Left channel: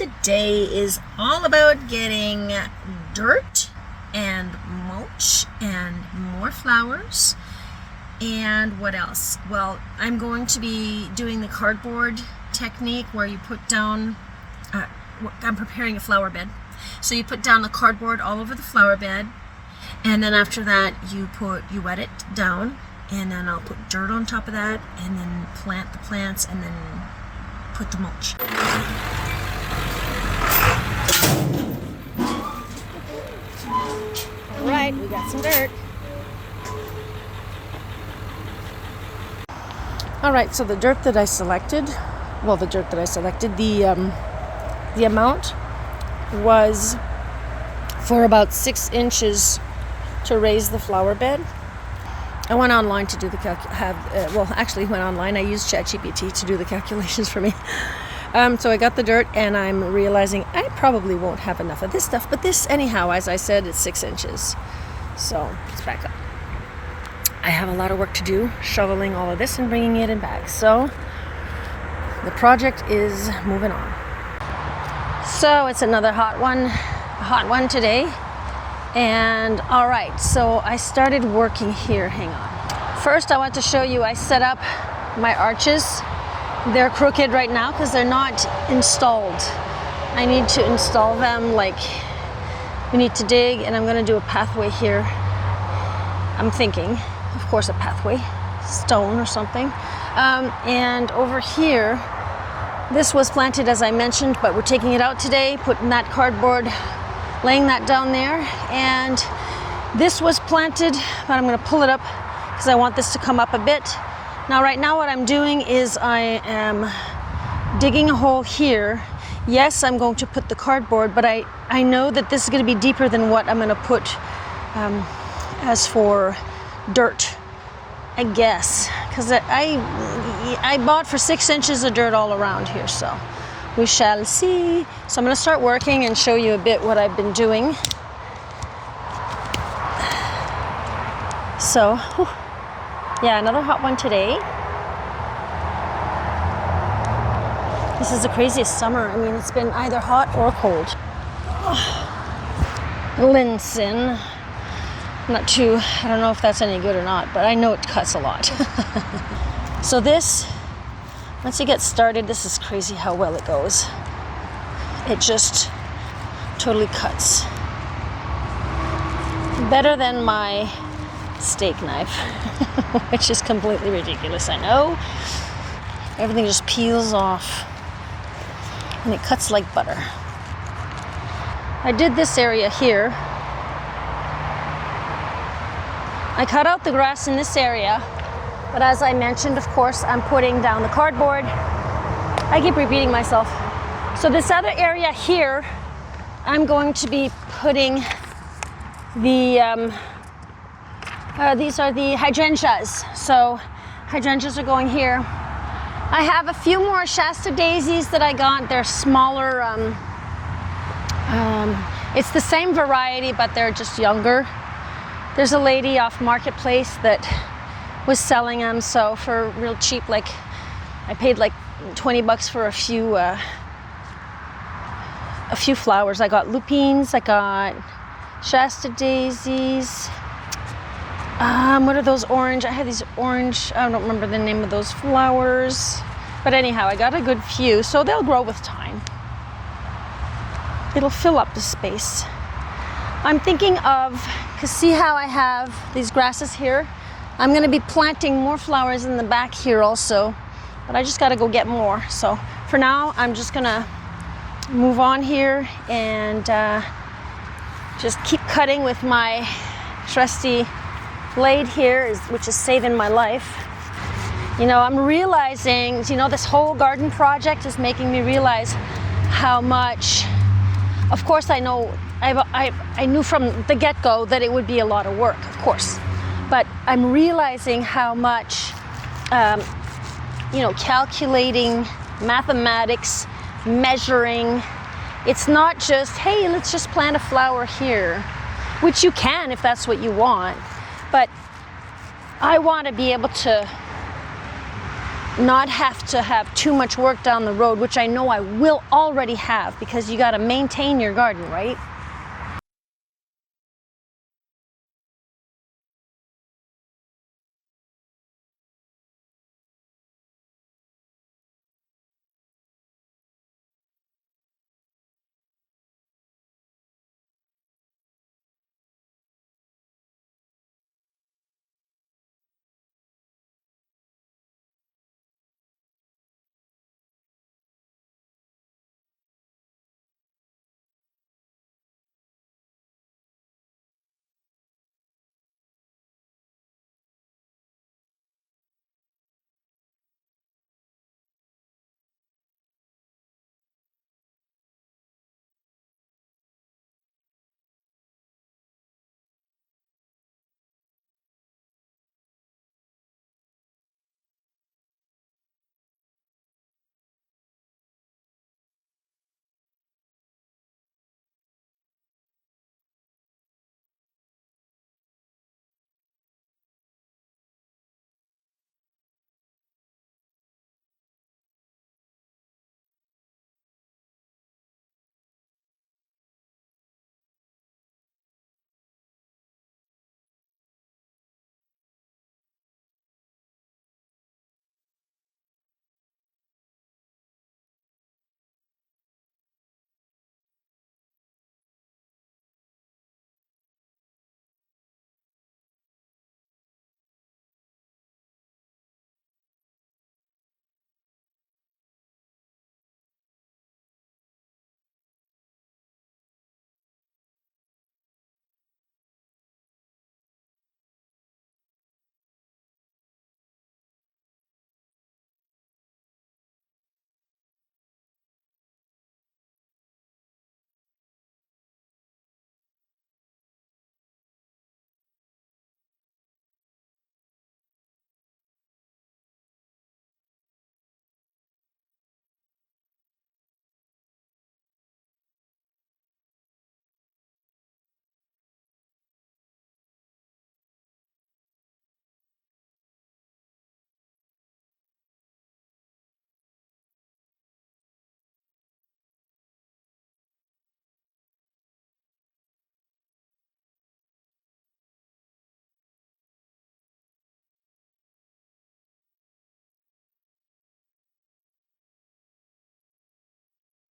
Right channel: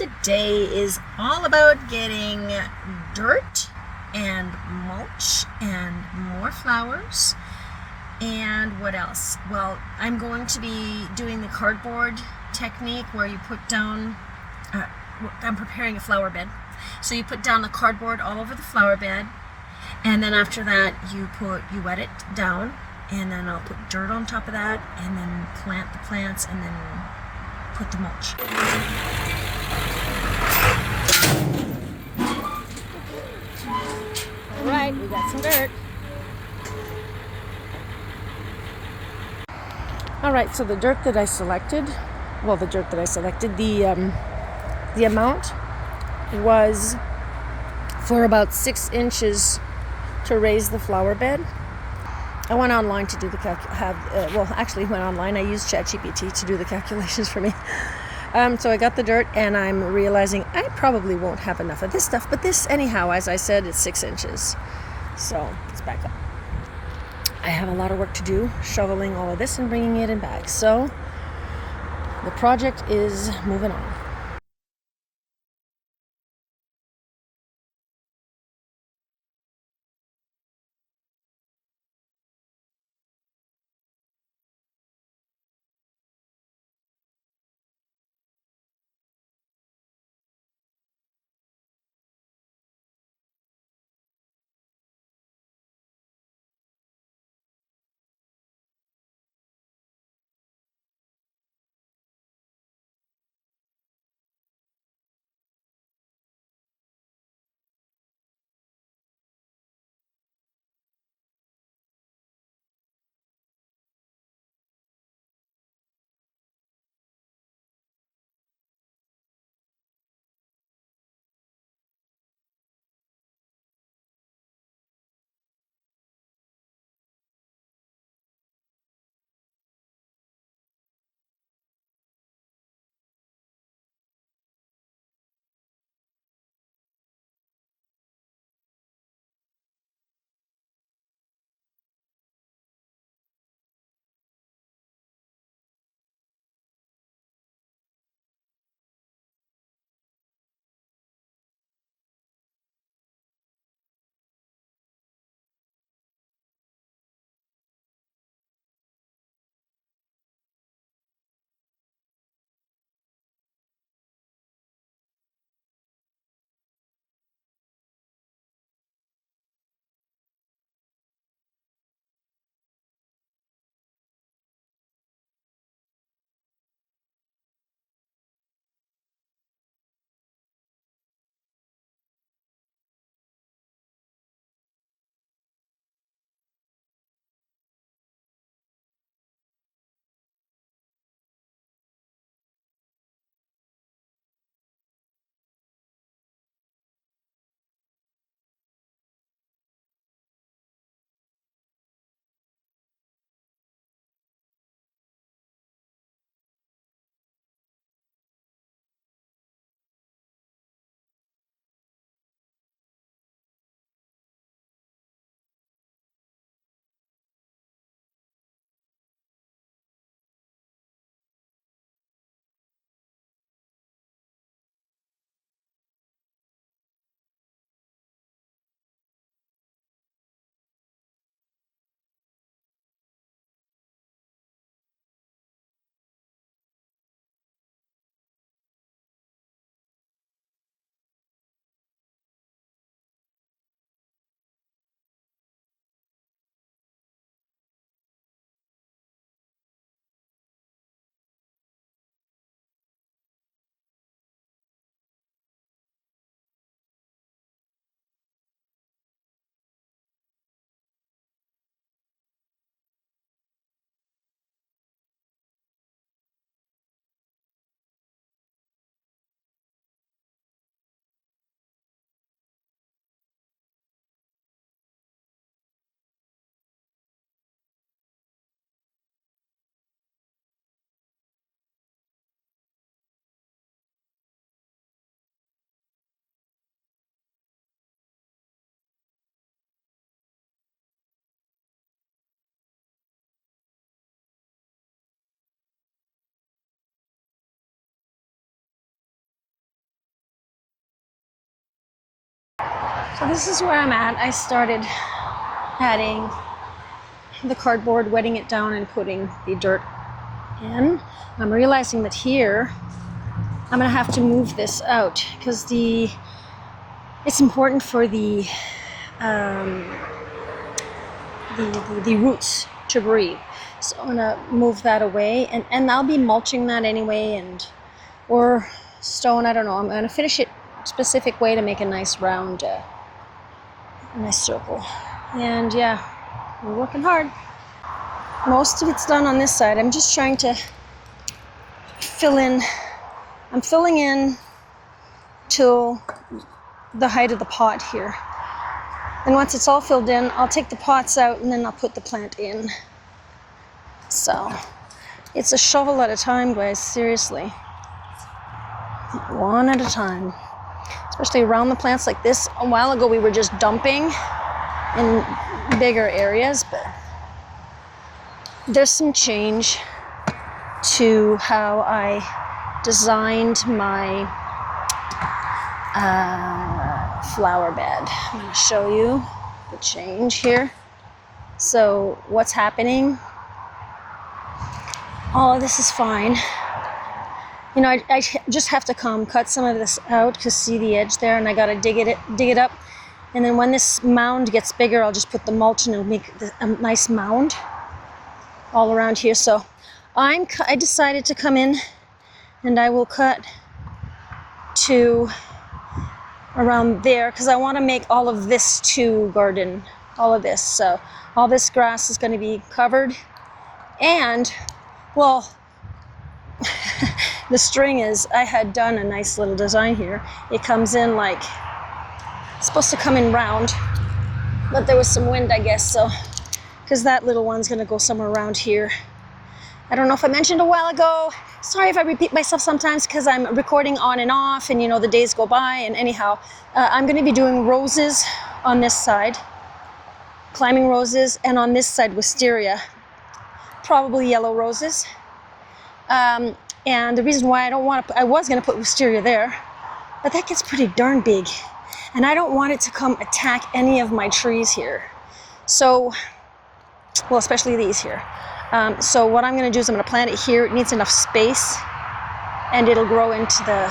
today is all about getting dirt and mulch and more flowers. And what else? Well, I'm going to be doing the cardboard technique where you put down, I'm preparing a flower bed. So you put down the cardboard all over the flower bed, and then after that you wet it down, and then I'll put dirt on top of that, and then plant the plants, and then put the mulch. All right, we got some dirt. All right, so the dirt that I selected, the amount was for about 6 inches to raise the flower bed. I went online to do the I used ChatGPT to do the calculations for me. So I got the dirt, and I'm realizing I probably won't have enough of this stuff, but this, anyhow, as I said, it's 6 inches. So let's back up. I have a lot of work to do, shoveling all of this and bringing it in bags. So the project is moving on. So it's another hot one today. And all right, so I started working here. Hang on. First, I want to show you, I set up my arches. They're crooked right now because they're not installed. I need to install them. We need to dig, and I'm going to do a pathway here. I'm thinking, of course, a pathway, stone or something. And over here, this was planted, as I mentioned, but we're taking it out today, putting that cardboard, laying that down there. And this was planted, but I'm going to pull it up because I want this to come up a bit. Now, right now, what I'm doing is I am digging a hole here. Yes, I'm going to put the cardboard, but I know that this is going to be deeper than what I'm going to put as for dirt, I guess, because I bought for 6 inches of dirt all around here, so we shall see. So I'm going to start working and show you a bit what I've been doing. So, yeah, another hot one today. This is the craziest summer. I mean, it's been either hot or cold. Linseed. I don't know if that's any good or not, but I know it cuts a lot. So this, once you get started, this is crazy how well it goes. It just totally cuts. Better than my steak knife, which is completely ridiculous, I know. Everything just peels off, and it cuts like butter. I did this area here. I cut out the grass in this area, but as I mentioned, of course, I'm putting down the cardboard. I keep repeating myself. So this other area here, I'm going to be putting the, these are the hydrangeas. So hydrangeas are going here. I have a few more Shasta daisies that I got. They're smaller. It's the same variety, but they're just younger. There's a lady off Marketplace that was selling them, so for real cheap, I paid $20 for a few flowers. I got lupines, I got Shasta daisies. What are those orange? I had these orange, I don't remember the name of those flowers. But anyhow, I got a good few, so they'll grow with time. It'll fill up the space. I'm thinking of, because see how I have these grasses here? I'm going to be planting more flowers in the back here also, but I just got to go get more. So for now, I'm just going to move on here and just keep cutting with my trusty blade here, which is saving my life. You know, I'm realizing, this whole garden project is making me realize how much, of course I know, I knew from the get-go that it would be a lot of work, of course. But I'm realizing how much, calculating, mathematics, measuring, it's not just, hey, let's just plant a flower here, which you can if that's what you want. But I want to be able to not have to have too much work down the road, which I know I will already have, because you got to maintain your garden, right? So this is where I'm at. I started adding the cardboard, wetting it down, and putting the dirt in. I'm realizing that here I'm gonna have to move this out because it's important for the roots to breathe. So I'm gonna move that away, and I'll be mulching that anyway, or stone. I don't know. I'm gonna finish it a specific way to make a nice round, a nice circle. And yeah, we're working hard. Most of it's done on this side. I'm just trying to fill in. I'm filling in till the height of the pot here. And once it's all filled in, I'll take the pots out and then I'll put the plant in. So it's a shovel at a time, guys, seriously. One at a time. Especially around the plants like this. A while ago we were just dumping in bigger areas, but there's some change to how I designed my flower bed. I'm going to show you the change here. So what's happening? All of this is fine. You know, I just have to come cut some of this out because see the edge there, and I got to dig it up. And then when this mound gets bigger, I'll just put the mulch and it'll make a nice mound all around here. So I decided to come in and I will cut to around there because I want to make all of this to garden, all of this. So all this grass is going to be covered, and well, the string is, I had done a nice little design here. It comes in like, it's supposed to come in round, but there was some wind, I guess, so, because that little one's going to go somewhere around here. I don't know if I mentioned a while ago. Sorry if I repeat myself sometimes because I'm recording on and off and, you know, the days go by. And anyhow, I'm going to be doing roses on this side, climbing roses, and on this side wisteria, probably yellow roses. And the reason why I was going to put wisteria there, but that gets pretty darn big. And I don't want it to come attack any of my trees here. So, well, especially these here. So what I'm going to do is I'm going to plant it here. It needs enough space and it'll grow into the,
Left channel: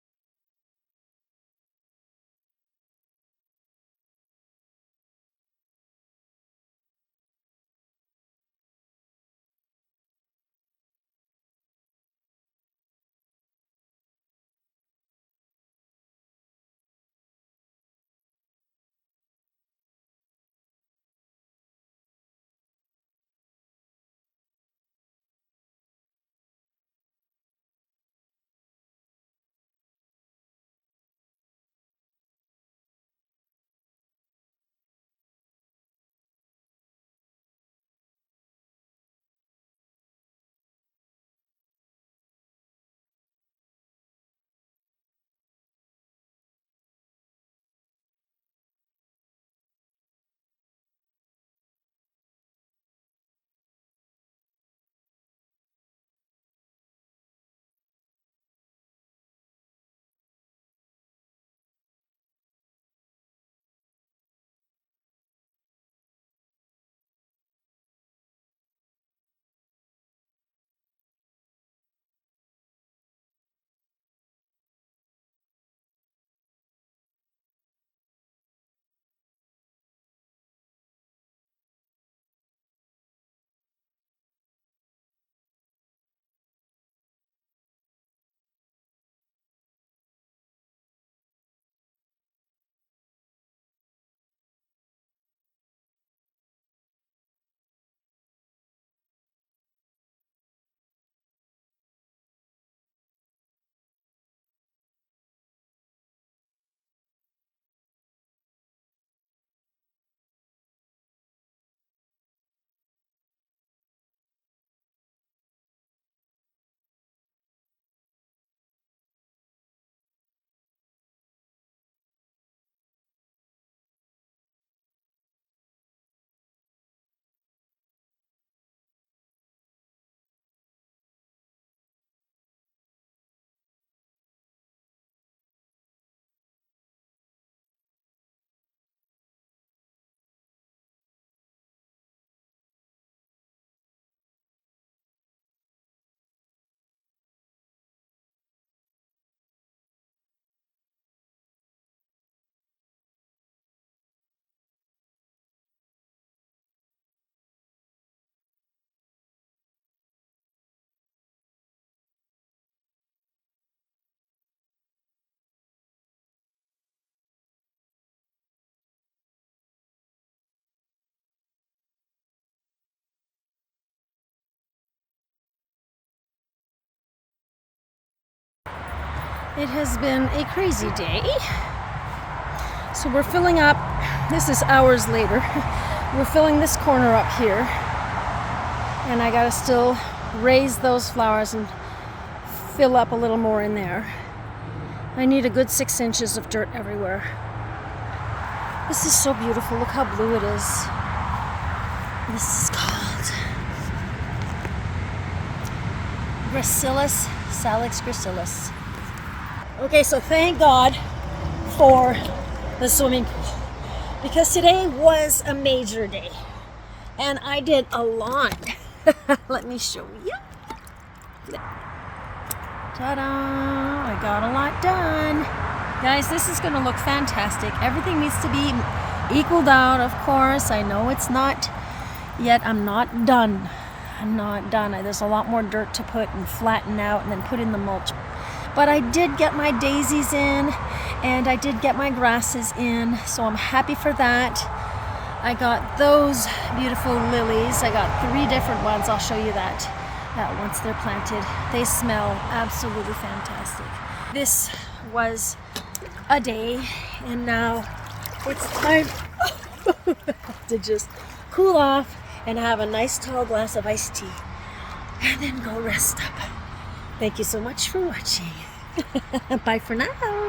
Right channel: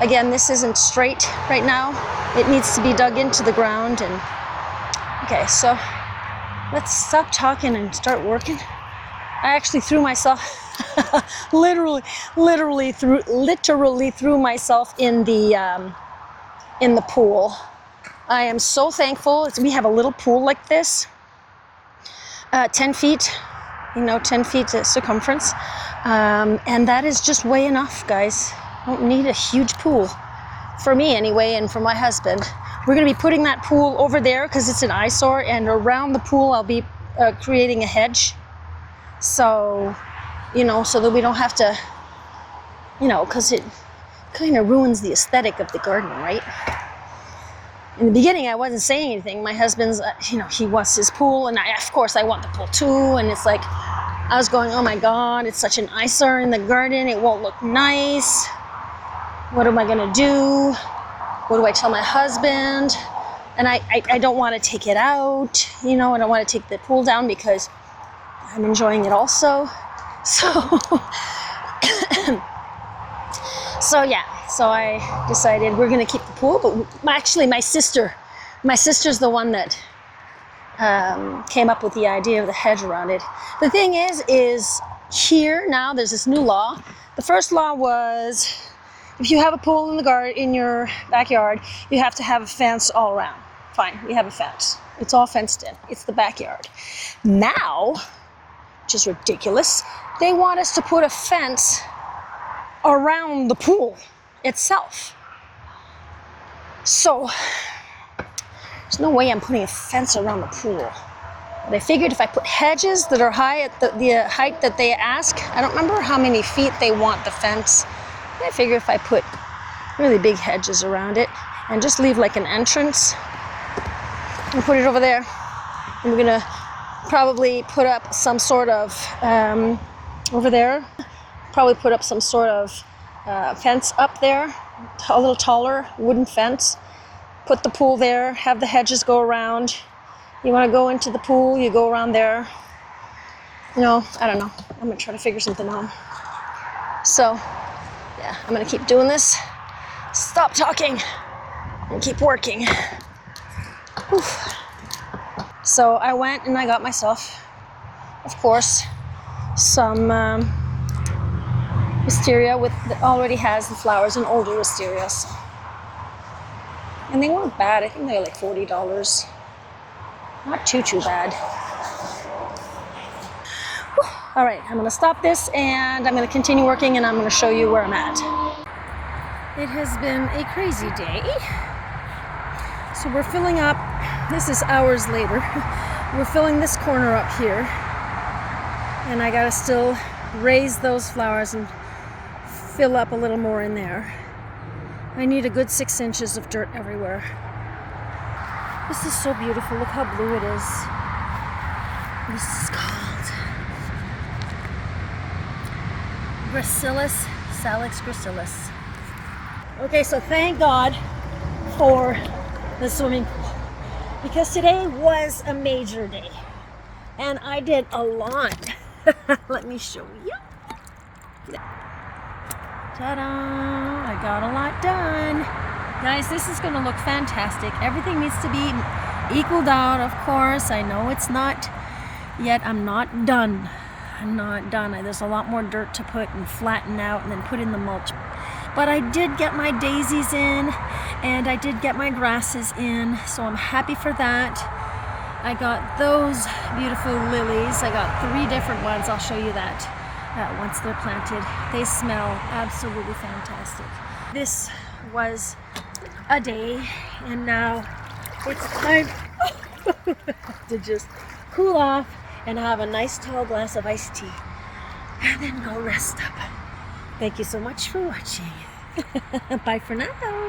again, this isn't straight right now. It needs to be dug into the ground. And okay, so let's stop talking and start working. I actually threw myself, literally threw myself in the pool. I am so thankful. We have a little pool like this, 10 feet. 10 feet circumference. And that is just way enough, guys. Don't need a huge pool. For me anyway, and for my husband. We're gonna be putting that pool over there because it's an eyesore, and around the pool I'll be creating a hedge. So, so that we don't have to, because it kind of ruins the aesthetic of the garden, right? In the beginning, I wasn't saying anything. My husband's, he wants his pool, and of course I want the pool too. And it's like, I was going, oh my God, it's such an eyesore in the garden. It won't look nice. What am I gonna do? What do I tell my husband? And I don't want to take it out. I don't want to take the pool down because I'm enjoying it also. So I decided we're gonna keep the pool, but actually my sister's the one that came up with the idea of the hedge around it. The thing is here now there's this new law. The first law was if you have a pool in your backyard, you have to have a fence all around. Fine, we have a fence. It's all fenced in. It's the backyard. Now, which is ridiculous, they want us to put a fence around the pool itself. So there's no way I'm putting a fence around the pool. But I figured if I put hedges that are high at the height that they ask, I don't remember how many feet they want the fence. I figure if I put really big hedges around it and just leave like an entrance and put it over there, and we're gonna probably put up some sort of over there. Probably put up some sort of fence up there, a little taller wooden fence. Put the pool there, have the hedges go around. You want to go into the pool, you go around there. I don't know. I'm gonna try to figure something out. So, yeah, I'm gonna keep doing this. Stop talking and keep working. Oof. So I went and I got myself, of course, some wisteria that already has the flowers, an older wisteria. So. And they weren't bad. I think they were like $40. Not too bad. Whew. All right, I'm gonna stop this and I'm gonna continue working and I'm gonna show you where I'm at. It has been a crazy day. So we're filling up, this is hours later, we're filling this corner up here. And I gotta still raise those flowers and fill up a little more in there. I need a good 6 inches of dirt everywhere. This is so beautiful. Look how blue it is. This is called Gracilis, Salix gracilis. Okay, so thank God for the swimming pool because today was a major day and I did a lot. Let me show you. Ta-da! I got a lot done. Guys, this is going to look fantastic. Everything needs to be equaled out, of course. I know it's not yet. I'm not done. I'm not done. There's a lot more dirt to put and flatten out and then put in the mulch. But I did get my daisies in and I did get my grasses in, so I'm happy for that. I got those beautiful lilies. I got 3 different ones. I'll show you that once they're planted. They smell absolutely fantastic. This was a day and now it's time to just cool off and have a nice tall glass of iced tea and then go rest up. Thank you so much for watching. Bye for now.